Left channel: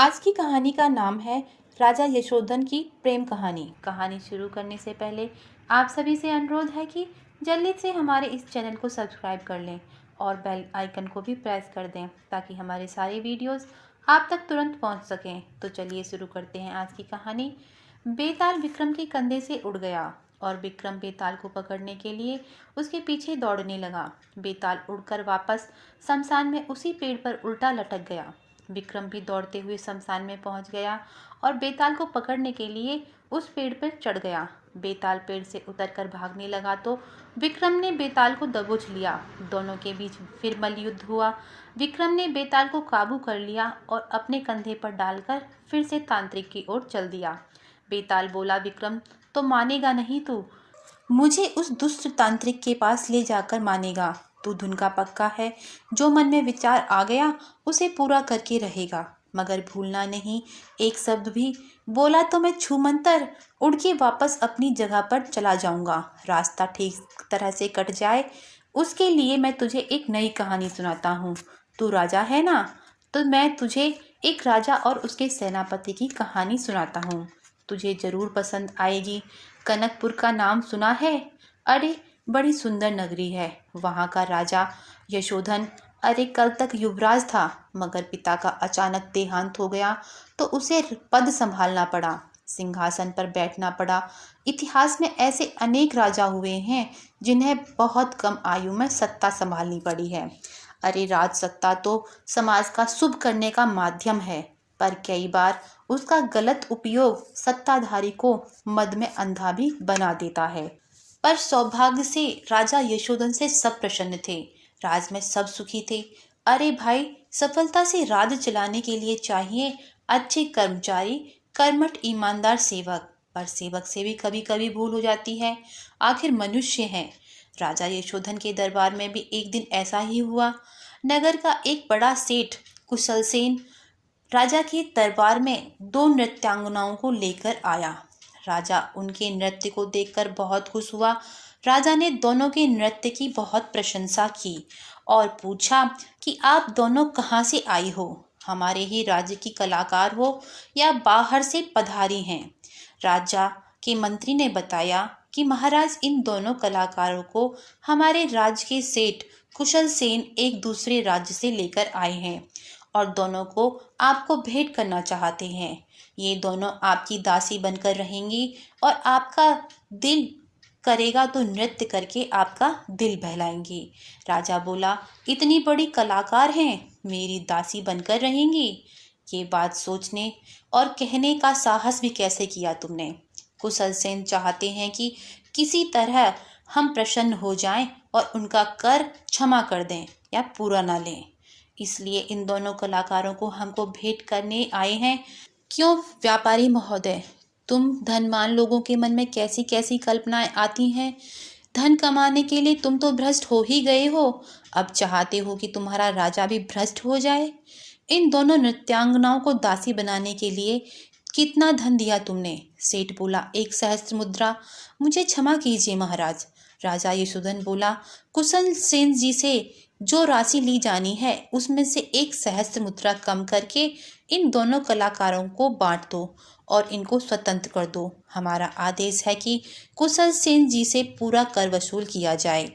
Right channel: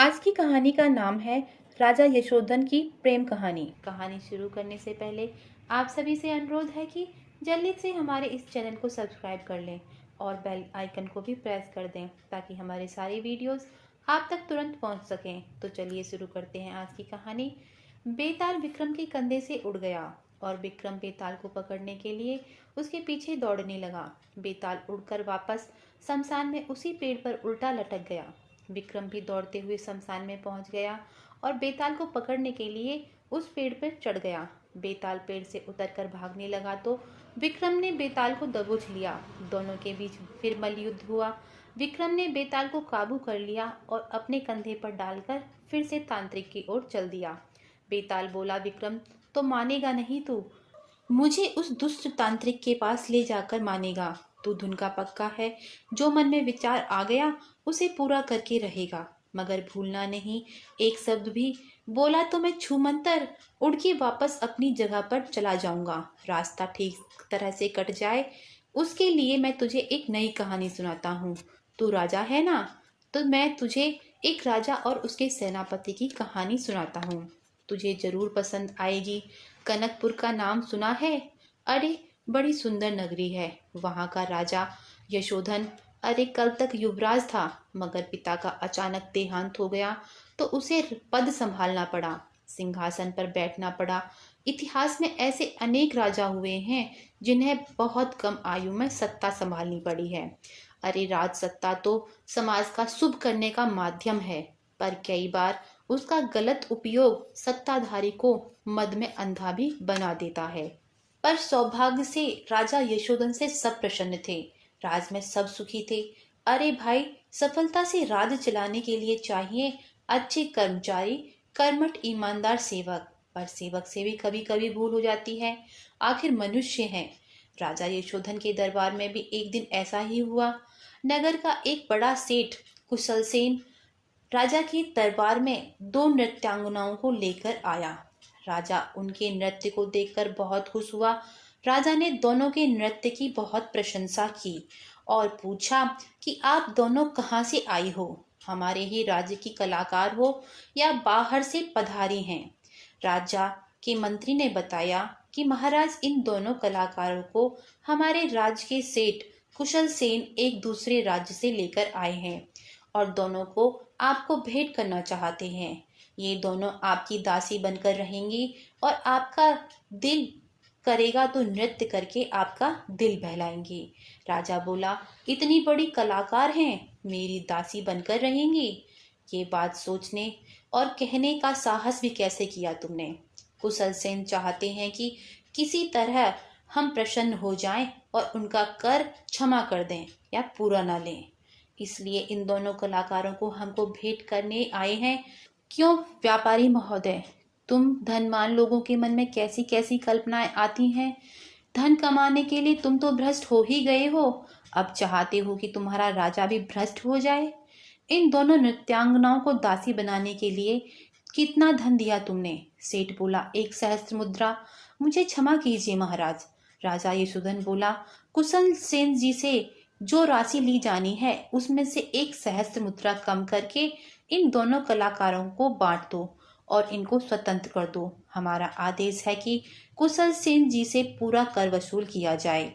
आज की कहानी का नाम है राजा यशोधन की प्रेम कहानी। कहानी शुरू करने से पहले आप सभी से अनुरोध है कि जल्दी से हमारे इस चैनल को सब्सक्राइब कर लें और बेल आइकन को भी प्रेस कर दें ताकि हमारे सारे वीडियोस आप तक तुरंत पहुंच सकें। तो चलिए शुरू करते हैं आज की कहानी। बेताल विक्रम के कंधे से उड़ गया और विक्रम बेताल को पकड़ने के लिए उसके पीछे दौड़ने लगा। बेताल उड़कर वापस शमशान में उसी पेड़ पर उल्टा लटक गया। विक्रम भी दौड़ते हुए शमशान में पहुंच गया और बेताल को पकड़ने के लिए उस पेड़ पर चढ़ गया। बेताल पेड़ से उतरकर भागने लगा तो विक्रम ने बेताल को दबोच लिया। दोनों के बीच फिर मल्लयुद्ध हुआ। विक्रम ने बेताल को काबू कर लिया और अपने कंधे पर डालकर फिर से तांत्रिक की ओर चल दिया। बेताल बोला, विक्रम तो मानेगा नहीं तू, मुझे उस दुष्ट तांत्रिक के पास ले जाकर मानेगा। तू धुन का पक्का है, जो मन में विचार आ गया उसे पूरा करके रहेगा, मगर भूलना नहीं एक शब्द भी। बोला तो मैं छूमंतर उड़ के वापस अपनी जगह पर चला जाऊंगा। रास्ता ठीक तरह से कट जाए उसके लिए मैं तुझे एक नई कहानी सुनाता हूँ। तू राजा है ना, तो मैं तुझे एक राजा और उसके सेनापति की कहानी सुनाता हूँ। तुझे जरूर पसंद आएगी। कनकपुर का नाम सुना है? अरे बड़ी सुंदर नगरी है। वहाँ का राजा यशोधन अरे कल तक युवराज था, मगर पिता का अचानक देहांत हो गया तो उसे पद संभालना पड़ा, सिंहासन पर बैठना पड़ा। इतिहास में ऐसे अनेक राजा हुए हैं जिन्हें बहुत कम आयु में सत्ता संभालनी पड़ी है। अरे राज सत्ता तो समाज का शुभ करने का माध्यम है, पर कई बार उसका गलत उपयोग सत्ताधारी को मद में अंधा भी बना देता है। पर सौभाग्य से राजा यशोधन से सब प्रसन्न थे। राज में सब सुखी थे। अरे भाई, सफलता से राज चलाने के लिए चाहिए अच्छे कर्मचारी, कर्मठ ईमानदार सेवक। पर सेवक से भी कभी कभी भूल हो जाती है, आखिर मनुष्य हैं। राजा यशोधन के दरबार में भी एक दिन ऐसा ही हुआ। नगर का एक बड़ा सेठ कुशल सेन राजा के दरबार में दो नृत्यांगनाओं को लेकर आया। राजा उनके नृत्य को देखकर बहुत खुश हुआ। राजा ने दोनों के नृत्य की बहुत प्रशंसा की और पूछा कि आप दोनों कहाँ से आई हो? हमारे ही राज्य की कलाकार हो या बाहर से पधारी हैं? राजा के मंत्री ने बताया कि महाराज, इन दोनों कलाकारों को हमारे राज्य के सेठ कुशल सेन एक दूसरे राज्य से लेकर आए हैं और दोनों को आपको भेंट करना चाहते हैं। ये दोनों आपकी दासी बनकर रहेंगी और आपका दिल करेगा तो नृत्य करके आपका दिल बहलाएंगी। राजा बोला, इतनी बड़ी कलाकार हैं, मेरी दासी बनकर रहेंगी? ये बात सोचने और कहने का साहस भी कैसे किया तुमने? कुशल सेन चाहते हैं कि किसी तरह हम प्रसन्न हो जाएं और उनका कर क्षमा कर दें या पूरा ना लें, इसलिए इन दोनों कलाकारों को हमको भेंट करने आए हैं। क्यों व्यापारी महोदय, तुम धनवान लोगों के मन में कैसी कैसी कल्पनाएं आती हैं? धन कमाने के लिए तुम तो भ्रष्ट हो ही गए हो, अब चाहते हो कि तुम्हारा राजा भी भ्रष्ट हो जाए। इन दोनों नृत्यांगनाओं को दासी बनाने के लिए कितना धन दिया तुमने? सेठ बोला, 1 सहस्त्र मुद्रा। मुझे क्षमा कीजिए महाराज। राजा यशोधन बोला, कुशल सेन जी से जो राशि ली जानी है उसमें से 1 सहस्त्र मुद्रा कम करके इन दोनों कलाकारों को बांट दो और इनको स्वतंत्र कर दो। हमारा आदेश है कि कुशल सेन जी से पूरा कर वसूल किया जाए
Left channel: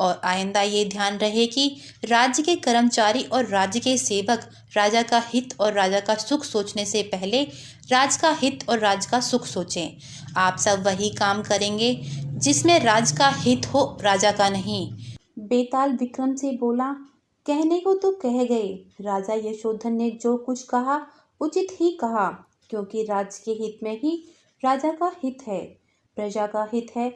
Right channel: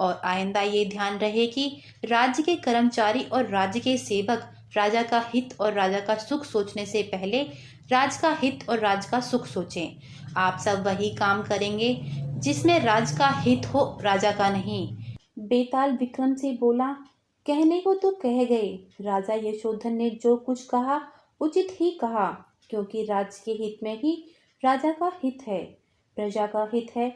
और आइंदा ये ध्यान रहे कि राज्य के कर्मचारी और राज्य के सेवक राजा का हित और राजा का सुख सोचने से पहले राज का हित और राज का सुख सोचें। आप सब वही काम करेंगे जिसमें राज का हित हो, राजा का नहीं। बेताल विक्रम से बोला, कहने को तो कह गए। राजा यशोधन ने जो कुछ कहा उचित ही कहा, क्योंकि राज्य के हित में ही राजा का हित है, प्रजा का हित है।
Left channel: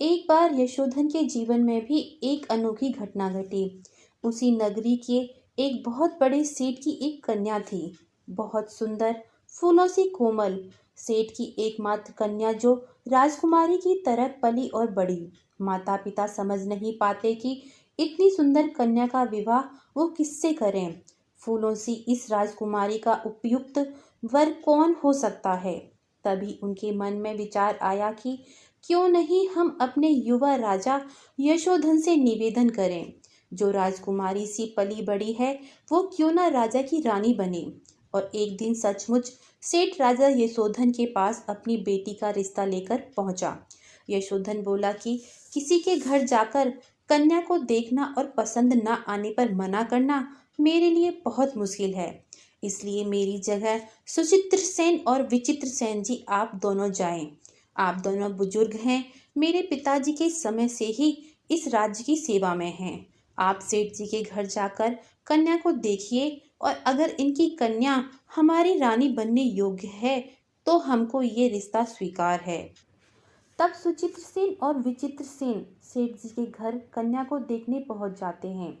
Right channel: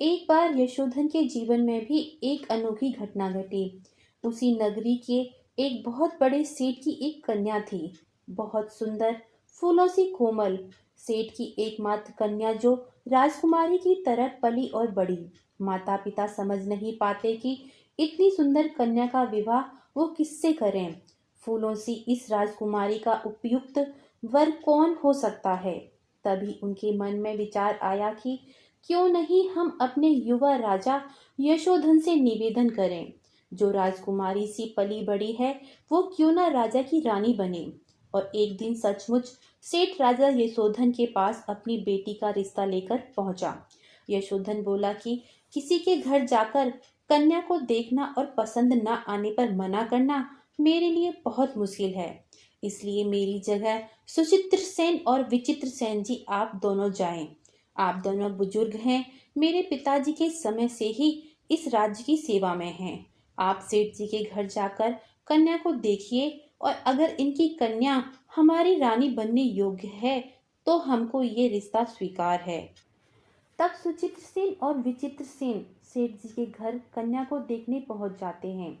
एक बार यशोधन के जीवन में भी एक अनोखी घटना घटी। उसी नगरी के एक बहुत बड़े सेठ की एक कन्या थी, बहुत सुंदर, फूलों सी कोमल। सेठ की एकमात्र कन्या जो राजकुमारी की तरह पली और बड़ी। माता पिता समझ नहीं पाते कि इतनी सुंदर कन्या का विवाह वो किससे करें। फूलों सी इस राजकुमारी का उपयुक्त वर कौन हो सकता है? तभी उनके मन में विचार आया कि क्यों नहीं हम अपने युवा राजा यशोधन से निवेदन करें, जो राजकुमारी सी पली बड़ी है वो क्यों ना राजा की रानी बने और एक दिन सचमुच सेठ राजा यशोधन के पास अपनी बेटी का रिश्ता लेकर पहुंचा। यशोधन बोला कि किसी के घर जाकर कन्या को देखना और पसंद न आने पर मना करना मेरे लिए बहुत मुश्किल है, इसलिए मेरी जगह सुचित्र सेन और विचित्र सेन जी आप दोनों जाएं। आप दोनों बुजुर्ग हैं, मेरे पिताजी के समय से ही इस राज्य की सेवा में हैं। आप सेठ जी के घर जाकर कन्या को देखिए और अगर इनकी कन्या हमारी रानी बनने योग्य है तो हमको ये रिश्ता स्वीकार है। तब सुचित्र सेन और विचित्र सेन सेठ जी के घर कन्या को देखने पहुंच जाते हैं।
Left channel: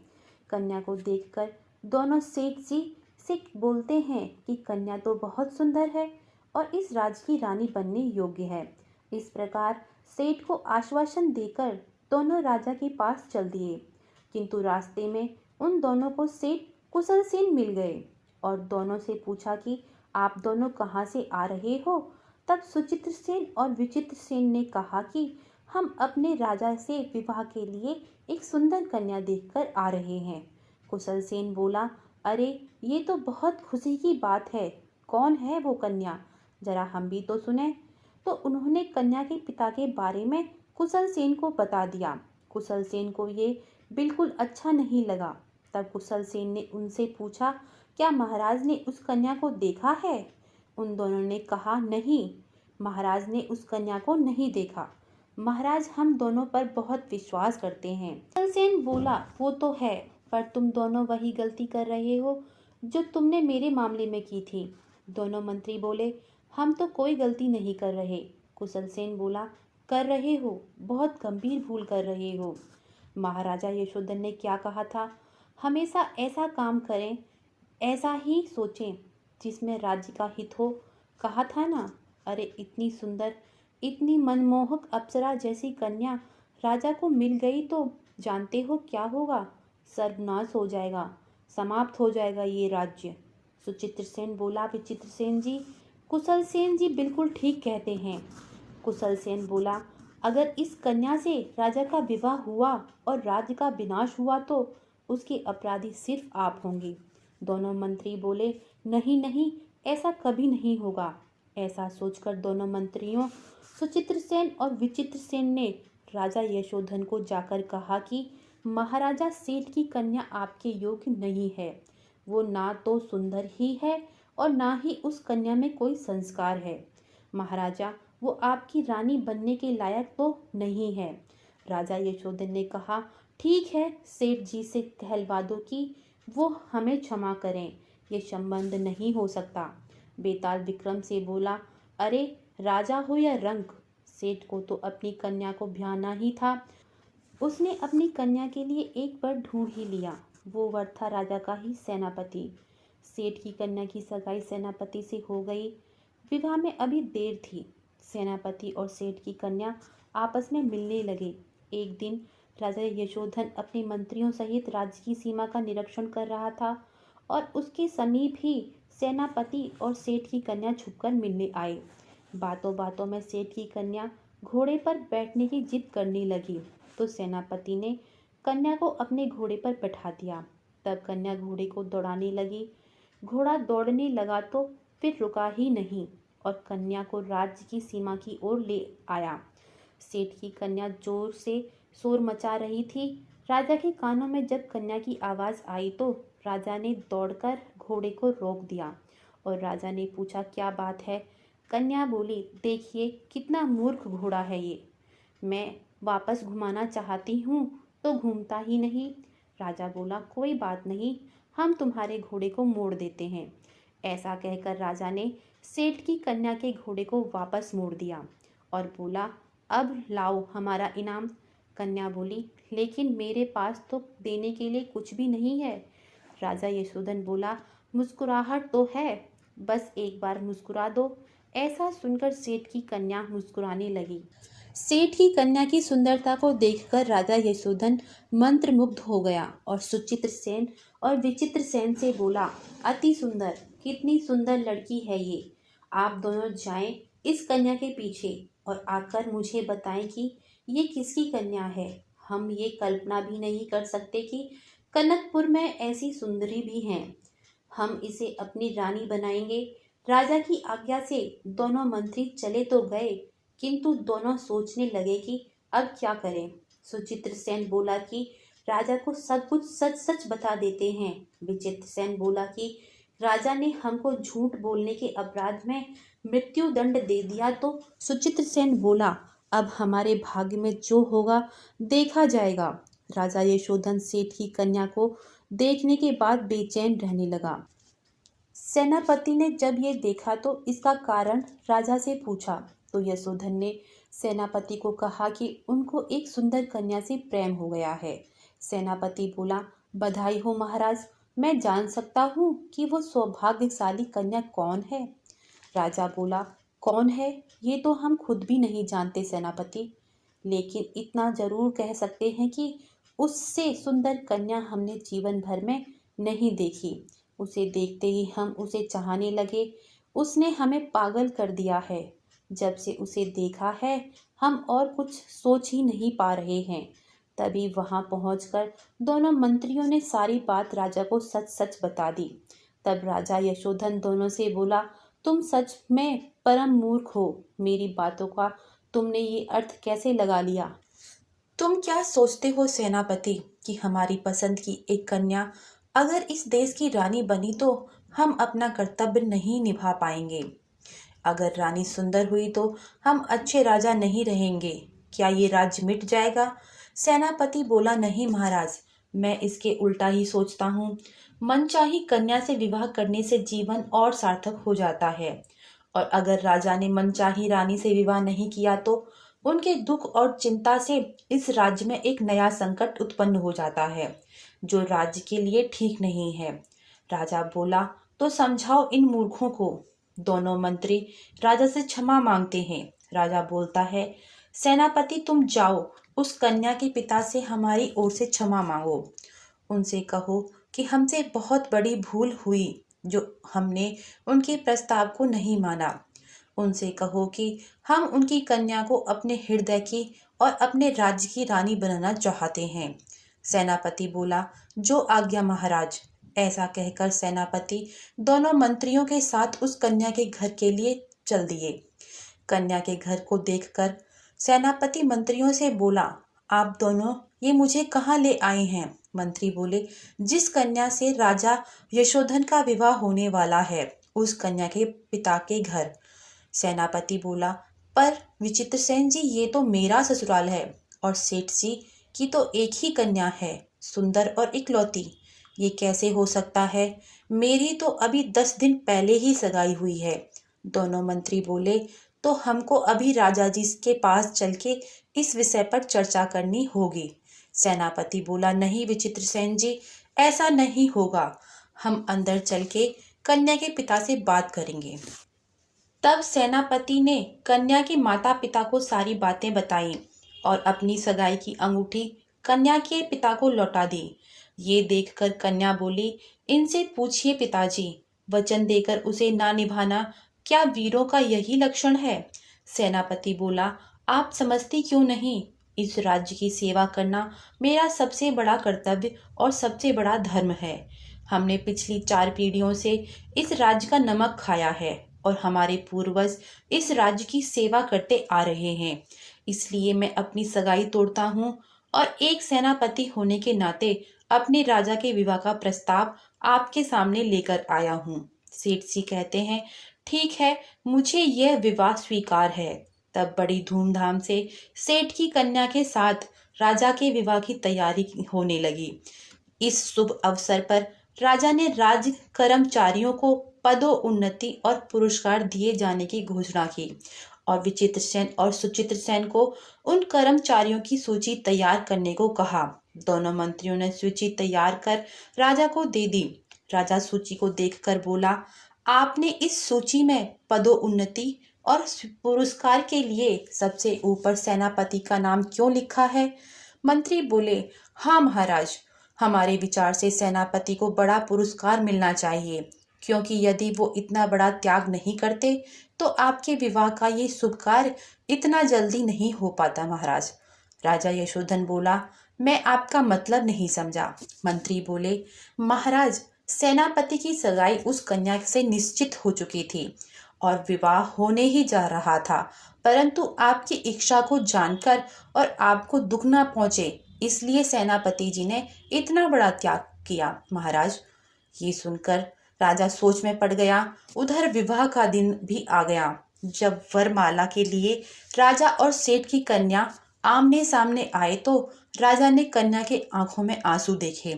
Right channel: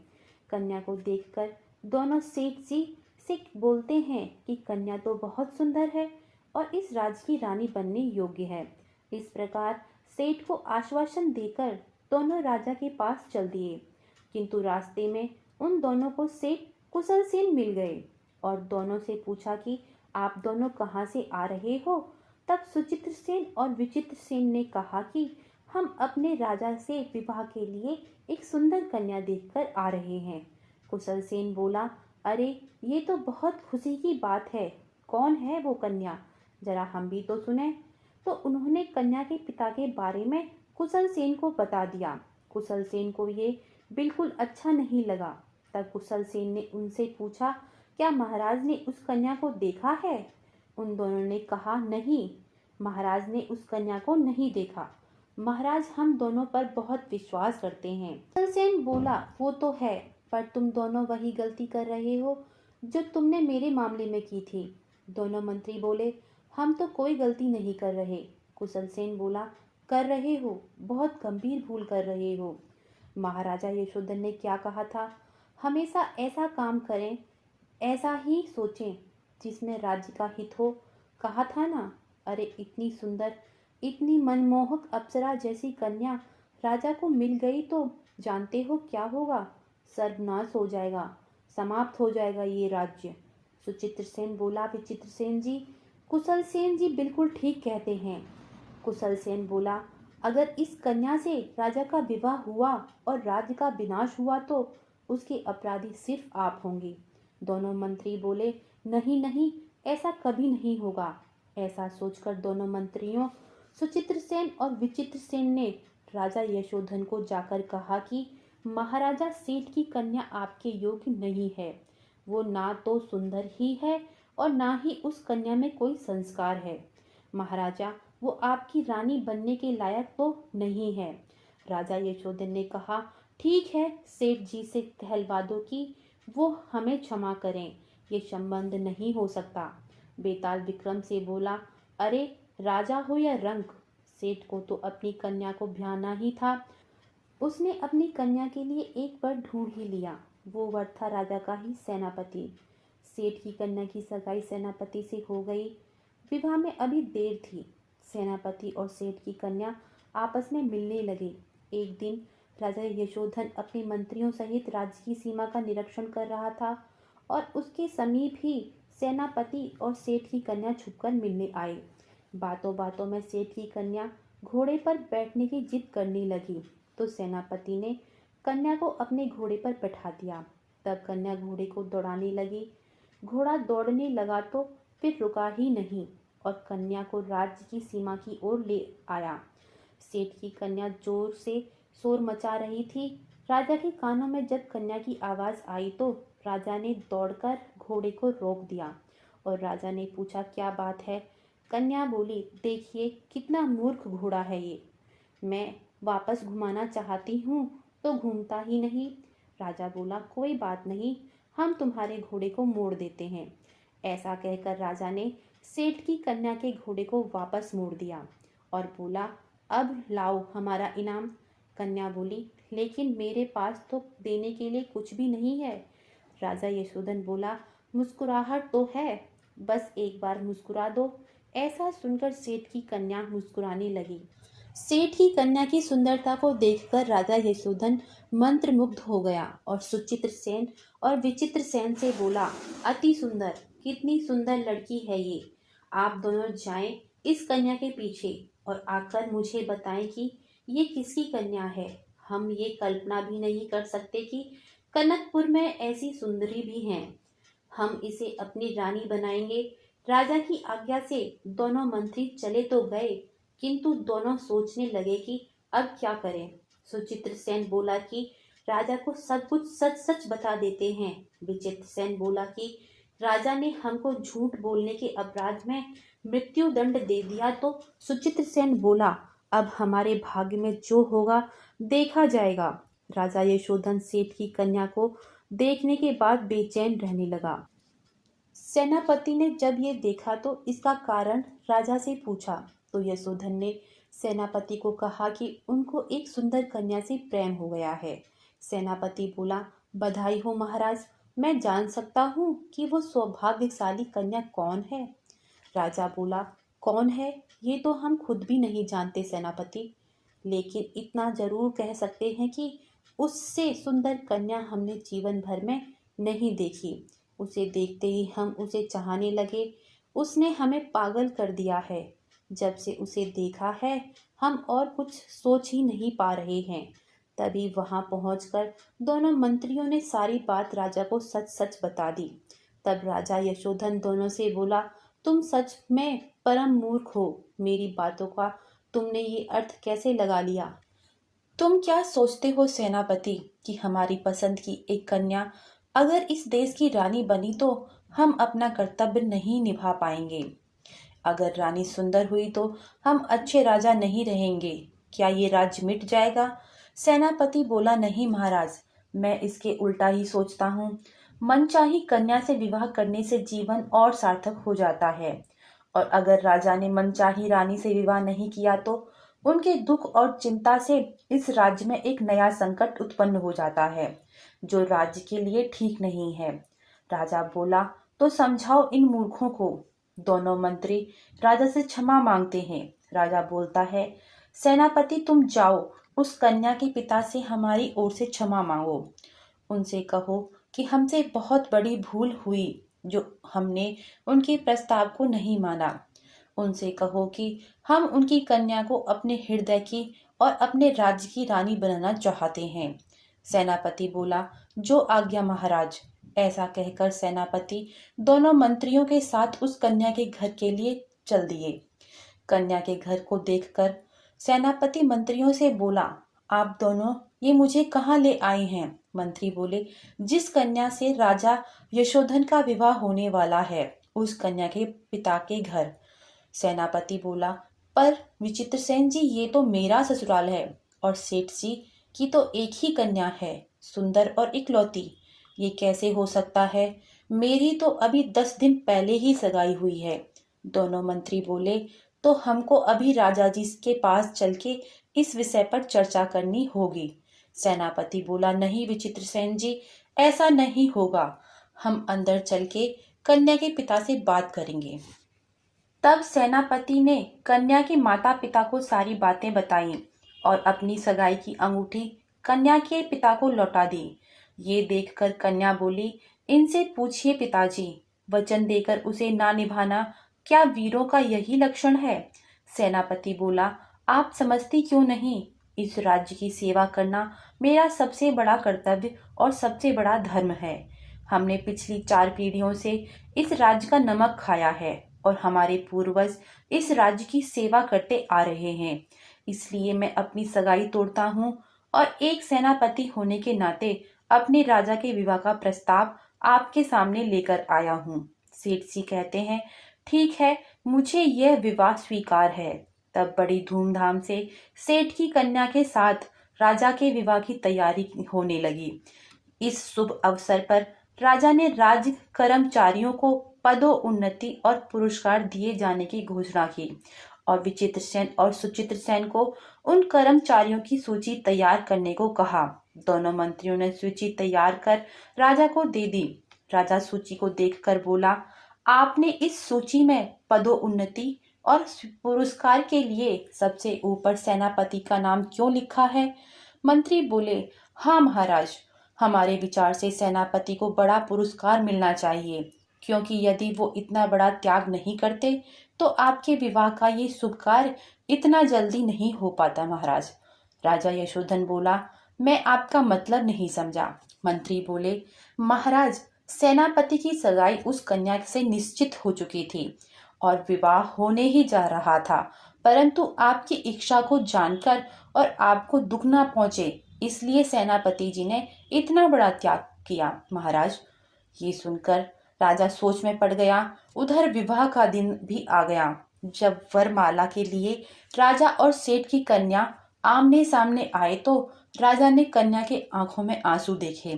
कन्या को देखकर दोनों सेठ जी से बोलते हैं कि कन्या तो बहुत सुंदर है और इस राज्य की रानी बनने योग्य है। इस प्रकार सेठ को आश्वासन देकर दोनों राजा के पास चल दिए, किंतु रास्ते में उन दोनों को सेठ कुशल सेन मिल गए और दोनों से पूछा कि आप दोनों कहाँ से आ रहे हो। तब सुचित्र सेन और विचित्र सेन ने कहा कि हम अपने राजा से विवाह के लिए एक सुंदर कन्या देखकर आ रहे हैं। कुशल सेन बोला, अरे ये तो बहुत खुशी की बात है, कौन है वो कन्या, जरा हम भी तो सुने। तो उन्होंने कन्या के पिता के बारे में कुशल सेन को बता दिया। कुशल सेन को ये बिल्कुल अच्छा नहीं लगा। तब कुशल सेन ने उनसे पूछा, क्या महाराज ने उस कन्या को देखा है? उन दोनों ने कहा, नहीं, महाराज ने उस कन्या को नहीं देखा। महाराज हम दोनों पर बहुत विश्वास करते हैं। कुशल सेन बोला, वो तो है, पर तुम दोनों वही गलती कर रहे हो जो तुमने मेरे मामले में की थी। दोनों मंत्री बोले, हम तो कोई गलती नहीं कर रहे। कुशल सेन बोला, कर रहे हो, बहुत गंभीर भूल कर रहे हो। महाराजा यशोधन ने क्या कहा था, हमेशा ऐसा काम करें, ऐसा ही सोचें जिसमें राज्य का हित हो, कहा था ना। अरे इतनी सुंदर, इतनी मनमोहक अप्सरा जैसी कन्या राजा को मिल गई तो जानते हो क्या होगा, सर्वनाश हो जाएगा, समाप्त हो जाएगा ये राज्य। सुचित्र सेन बोला, विचित्र सेन जी, कुशल सेन जी बिल्कुल ठीक कहते हैं। कुशल सेन बोला, अगर इस कन्या से राजा का विवाह हुआ और राज्य का विनाश हुआ तो उसके अपराधी सिर्फ आप होंगे। दोनों मंत्री बोले, नहीं नहीं, ऐसा कभी नहीं होगा। ऐसा सोचकर दोनों मंत्रियों सुचित्र सेन और विचित्र सेन ने राजा यशोधन को जाकर कहा कि महाराजा सेठ की कन्या आपके योग्य नहीं है। वो ना तो सुंदर ही है और ना ही उस कन्या में कोई संस्कार है। महाराजा वो आपकी रानी बनने के लायक तो नहीं है। राजा यशोधन ने कहा, ठीक है, सेठ जी से कहलवा दो कि वो हमें क्षमा करें, ये संबंध नहीं हो सकता। बेताल विक्रम से बोला, अरे राजा हो या रंक, सेठ को तो अपनी कन्या को ब्याहना ही था। उसने अपनी कन्या के लिए एक वर ढूंढ ही लिया, वो वर था राजा का ही सेनापति। सेठ की कन्या की सगाई सेनापति से हो गई। विवाह में अभी देर थी। सेनापति और सेठ की कन्या आपस में मिलने लगे। एक दिन राजा यशोधन अपने मंत्रियों सहित राज्य की सीमा का निरीक्षण कर रहा था और उसके समीप ही सेनापति और सेठ की कन्या छुपकर मिलने आए। बातों बातों में सेठ की कन्या घोड़े पर बैठने की जिद करने लगी तो सेनापति ने कन्या को अपने घोड़े पर बैठा दिया। तब कन्या घोड़े को दौड़ाने लगी। घोड़ा दौड़ने लगा तो फिर रुका ही नहीं और कन्या को राज्य की सीमा की ओर ले आया। सेठ की कन्या जोर से शोर मचा रही थी। राजा के कानों में जब कन्या की आवाज आई तो राजा ने दौड़कर घोड़े को रोक दिया और राजा ने पूछा, क्या बात है? कन्या बोली, देखिए कितना मूर्ख घोड़ा है ये, मैं वापस घुमाना चाहती हूँ तो घूमता ही नहीं। राजा बोला, कोई बात नहीं, हम तुम्हारे घोड़े को मोड़ देते हैं। ऐसा कहकर राजा ने सेठ की कन्या के घोड़े को वापस मोड़ दिया और बोला, अब लाओ हमारा इनाम। कन्या बोली, लेकिन मेरे पास तो देने के लिए कुछ भी नहीं है। राजा यशोधन बोला, मुस्कुराहट तो है, बस एक बार मुस्कुरा दो। ऐसा सुनकर सेठ की कन्या मुस्कुराने लगी। सेठ की कन्या की सुंदरता को देखकर राजा यशोधन मंत्रमुग्ध हो गया और सुचित्र सेन और विचित्र सेन से बोला, अति सुंदर, कितनी सुंदर लड़की है ये। आप दोनों जाएं इस कन्या के पीछे और आकर मुझे बताएं कि ये किसकी कन्या है। हम ये कल्पना भी नहीं कर सकते कि कनकपुर में ऐसी सुंदरी भी हैं। हम इसे अपनी रानी बनाएंगे। राजा की आज्ञा से दोनों मंत्री चले तो गए, किंतु दोनों सोचने लगे कि अब क्या करें। सुचित्र सेन बोला कि राजा को सब कुछ सच सच बता देते हैं। विचित्र सेन बोला कि राजा ने हमको झूठ बोलने के अपराध में मृत्यु दंड दे दिया तो। सुचित्र सेन बोला, अब हमारे भाग्य में जो होगा देखा जाएगा। राजा यशोधन सेठ की कन्या को देखने के बाद बेचैन रहने लगा। सेनापति ने जब ये देखा तो इसका कारण राजा से पूछा, तो यशोधन ने सेनापति को कहा कि उनको एक सुंदर कन्या से प्रेम हो गया है। सेनापति बोला, बधाई हो महाराज, मैं जान सकता हूँ कि वो सौभाग्यशाली कन्या कौन है। राजा बोला, कौन है ये तो हम खुद भी नहीं जानते सेनापति, लेकिन इतना जरूर कह सकते हैं कि उससे सुंदर कन्या हमने जीवन भर में नहीं देखी। उसे देखते ही हम उसे चाहने लगे। उसने हमें पागल कर दिया है। जब से उसे देखा है हम और कुछ सोच ही नहीं पा रहे हैं। तभी वहां पहुंचकर दोनों मंत्रियों ने सारी बात राजा को सच सच बता दी। तब राजा यशोधन दोनों से बोला, तुम सच में परम मूर्ख हो। मेरी बातों का तुमने ये अर्थ कैसे लगा लिया? तुम क्या सोचते हो सेनापति कि हमारी पसंद की एक कन्या अगर इस देश की रानी बनी तो हम अपना कर्तव्य नहीं निभा पाएंगे। अगर रानी सुंदर हुई तो हम अच्छे राजा नहीं रहेंगे। क्या ये राज्य मिट जाएगा? सेनापति बोला, नहीं महाराज, मैं इसके उल्टा ही सोचता हूँ। मनचाही कन्या से विवाह करने से जीवन और सार्थक हो जाता है, और अगर राजा ने मनचाही रानी से विवाह नहीं किया तो उनके दुख और चिंता से इस राज्य में एक नया संकट उत्पन्न हो जाता है, जो राज्य के लिए ठीक नहीं है। राजा बोला, तो समझाओ इन मूर्खों को। दोनों मंत्री राजा से क्षमा मांगते हैं। राजा बोलता है, सेनापति तुम जाओ, उस कन्या के पिता से हमारी ओर से क्षमा मांगो। उनसे कहो कि हमसे बहुत बड़ी भूल हुई जो हमने उनके प्रस्ताव को नहीं माना। उनसे कहो कि हम उनकी कन्या को अपने हृदय की और अपने राज्य की रानी बनाना चाहते हैं। सेनापति बोला, जो आज्ञा महाराज। ऐसा कहकर सेनापति दोनों मंत्रियों के साथ उस कन्या के घर के लिए चल दिए। कन्या के घर को देखकर सेनापति मंत्रियों से बोला, आप दोनों ये मुझे कहाँ ले आए हैं? मंत्री बोले, जिस कन्या से राजा यशोधन का विवाह होने वाला है उस कन्या के पिता के घर। सेनापति बोला, पर विचित्र सेन जी, ये तो मेरा ससुराल है और सेठ जी की तो एक ही कन्या है, सुंदर और इकलौती। ये कैसे हो सकता है? मेरी तो अभी 10 दिन पहले ही सगाई हुई है। दोनों मंत्री बोले, तो हमको अभी राजा जी के पास चल के इस विषय पर चर्चा करनी होगी। सेनापति बोला, नहीं विचित्र सेन जी, ऐसा नहीं होगा। हम अंदर चल के कन्या के पिता से बात करेंगे। तब सेनापति ने कन्या के माता पिता को सारी बातें बताईं और अपनी सगाई की अंगूठी कन्या के पिता को लौटा दी। ये देखकर कन्या बोली, इनसे पूछिए पिताजी, वचन देकर उसे ना निभाना क्या वीरों का यही लक्षण है? सेनापति बोला, आप समझती क्यों नहीं? इस राज्य की सेवा करना मेरा सबसे बड़ा कर्तव्य और सबसे बड़ा धर्म है। हमने पिछली 4 पीढ़ियों से इस राज्य का नमक खाया है और हमारे पूर्वज इस राज्य की सेवा करते आ रहे हैं। इसलिए मैं अपनी सगाई तोड़ता हूँ और एक सेनापति होने के नाते अपने राजा के विवाह का प्रस्ताव आपके सामने लेकर आया हूँ। सेठ जी कहते हैं, ठीक है, मुझे यह विवाह स्वीकार है। तब बड़ी धूमधाम से सेठ की कन्या के साथ राजा के विवाह की तैयारी होने लगी। इस शुभ अवसर पर राजा ने राज्य कर्मचारियों को पदोन्नति और पुरस्कार दिए जाने की घोषणा की और विचित्र सेन और सुचित्र सेन को उन कर्मचारियों की सूची तैयार करने को कहा। दोनों मंत्रियों ने सूची तैयार कर राजा को दे दी। राजा सूची को देखकर बोला, आपने इस सूची में पदोन्नति और पुरस्कार के लिए सबसे ऊपर सेनापति का नाम क्यों लिखा है? मंत्री बोले, हाँ महाराज, हमारे विचार से सेनापति को बड़ा पुरस्कार मिलना चाहिए, क्योंकि यदि वो इतना बड़ा त्याग नहीं करते तो आपके विवाह का ये शुभ कार्य इतना जल्दी नहीं हो पाता महाराज। राजा यशोधन बोला, मैं आपका मतलब नहीं समझा। मंत्री बोले, महाराज, सेनापति की सगाई उस कन्या से निश्चित हो चुकी थी और विवाह होने ही जा रहा था, परंतु आपकी इच्छा को जानकर और आपको दुख न पहुंचे इसलिए सेनापति जी ने इतना बड़ा त्याग किया। महाराज, ये सुनकर राजा सोच में पड़ गया। उधर विवाह का दिन भी आ गया। जब वरमाला के लिए राजा और सेठ की कन्या आमने सामने आए तो राजा ने कन्या के आंखों में आंसू देखे।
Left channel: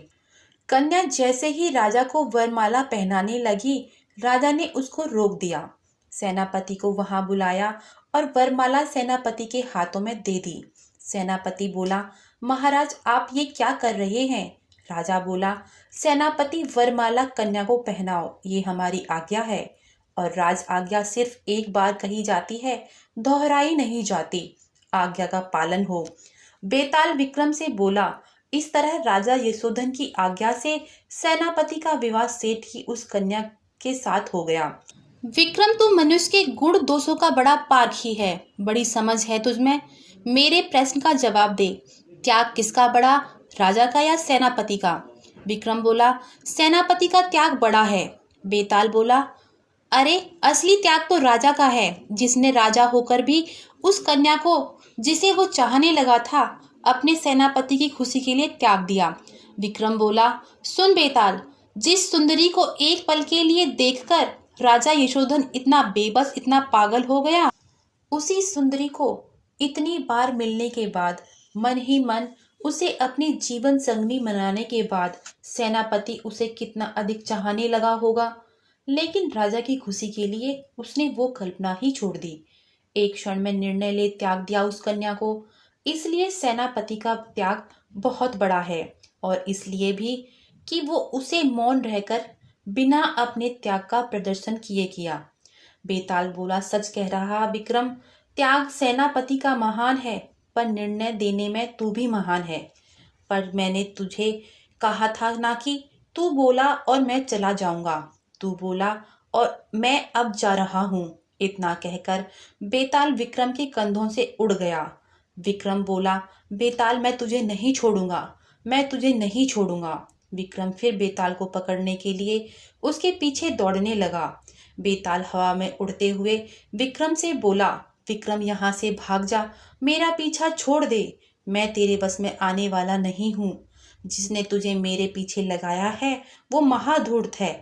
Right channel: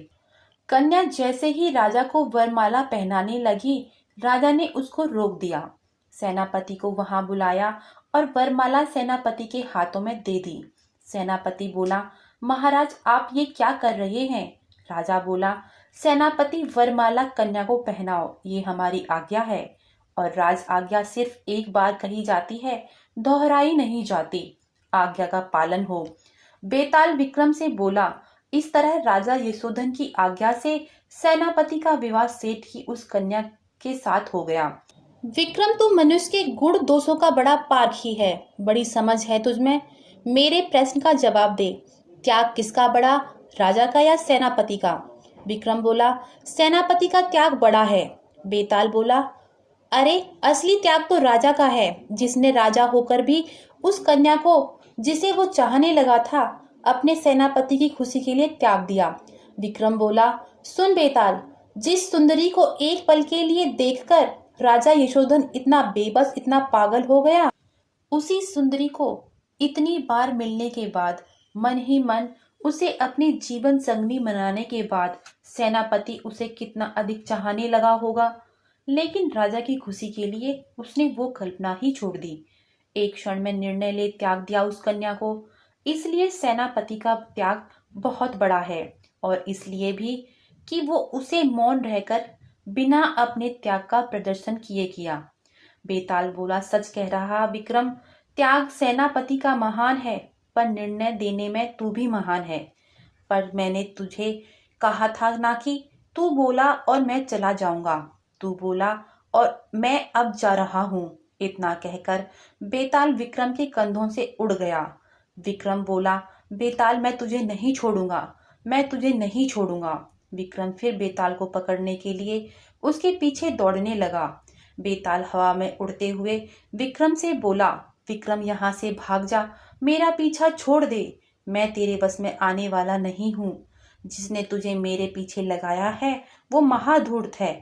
कन्या जैसे ही राजा को वरमाला पहनाने लगी, राजा ने उसको रोक दिया। सेनापति को वहां बुलाया और वरमाला सेनापति के हाथों में दे दी। सेनापति बोला, महाराज आप ये क्या कर रहे हैं? राजा बोला, सेनापति वरमाला कन्या को पहनाओ, ये हमारी आज्ञा है और राज आज्ञा सिर्फ एक बार कही जाती है, दोहराई नहीं जाती। आज्ञा का पालन हो। बेताल विक्रम से बोला। इस तरह राजा यशोधन की आज्ञा से सेनापति का विवाह सेठ की उस कन्या के साथ हो गया। विक्रम, तू मनुष्य के गुण दोषों का बड़ा पारखी है, बड़ी समझ है तुझमें। मेरे प्रश्न का जवाब दे, त्याग किसका बड़ा, राजा का या सेनापति का? विक्रम बोला, सेनापति का त्याग बड़ा है। बेताल बोला, अरे असली त्याग तो राजा का है, जिसने राजा होकर भी उस कन्या को जिसे वो चाहने लगा था अपने सेनापति की खुशी के लिए त्याग दिया। विक्रम बोला, सुन बेताल, जिस सुंदरी को एक पल के लिए देखकर राजा यशोधन इतना बेबस, इतना पागल हो गया, उसी सुंदरी को इतनी बार मिलने के बाद मन ही मन उसे अपनी जीवन संगनी बनाने के बाद सेनापति उसे कितना अधिक चाहने लगा होगा। लेकिन राजा की खुशी के लिए उसने वो कल्पना ही छोड़ दी। एक क्षण में निर्णय ले त्याग दिया उस कन्या को। इसलिए सेनापति का त्याग बहुत बड़ा है और इसलिए भी कि वो उसे मौन रहकर बिना अपने त्याग का प्रदर्शन किए किया। बेताल बोला, सच कह रहा विक्रम, त्याग सेनापति का महान है, पर निर्णय देने में तू भी महान है। पर मैंने तुझे कहा था ना कि तू बोला और मैं चला जाऊंगा, तू बोला और मैं अब जा रहा हूँ। इतना कहकर बेताल विक्रम के कंधों से उड़ गया। विक्रम बोला, बेताल मैं तुझे नहीं छोड़ूंगा, मैं तुझे नहीं छोड़ूंगा। विक्रम फिर बेताल को पकड़ने के लिए उसके पीछे दौड़ने लगा। बेताल हवा में उड़ते हुए विक्रम से बोला, विक्रम यहाँ से भाग जा, मेरा पीछा छोड़ दे, मैं तेरे बस में आने वाला नहीं हूँ। जिसने तुझे मेरे पीछे लगाया है वो महाधूर्त है।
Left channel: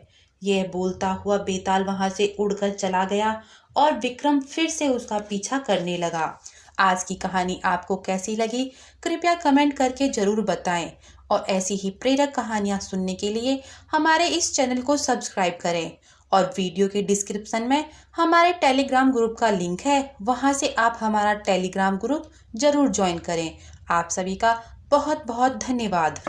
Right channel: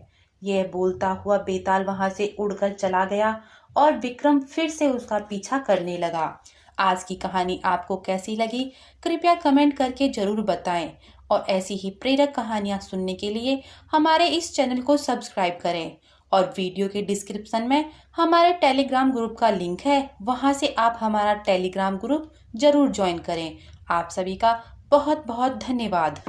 यह बोलता हुआ बेताल वहां से उड़कर चला गया और विक्रम फिर से उसका पीछा करने लगा। आज की कहानी आपको कैसी लगी कृपया कमेंट करके जरूर बताएं और ऐसी ही प्रेरक कहानियां सुनने के लिए हमारे इस चैनल को सब्सक्राइब करें और वीडियो के डिस्क्रिप्शन में हमारे टेलीग्राम ग्रुप का लिंक है, वहां से आप हमारा टेलीग्राम ग्रुप जरूर ज्वाइन करें। आप सभी का बहुत बहुत धन्यवाद।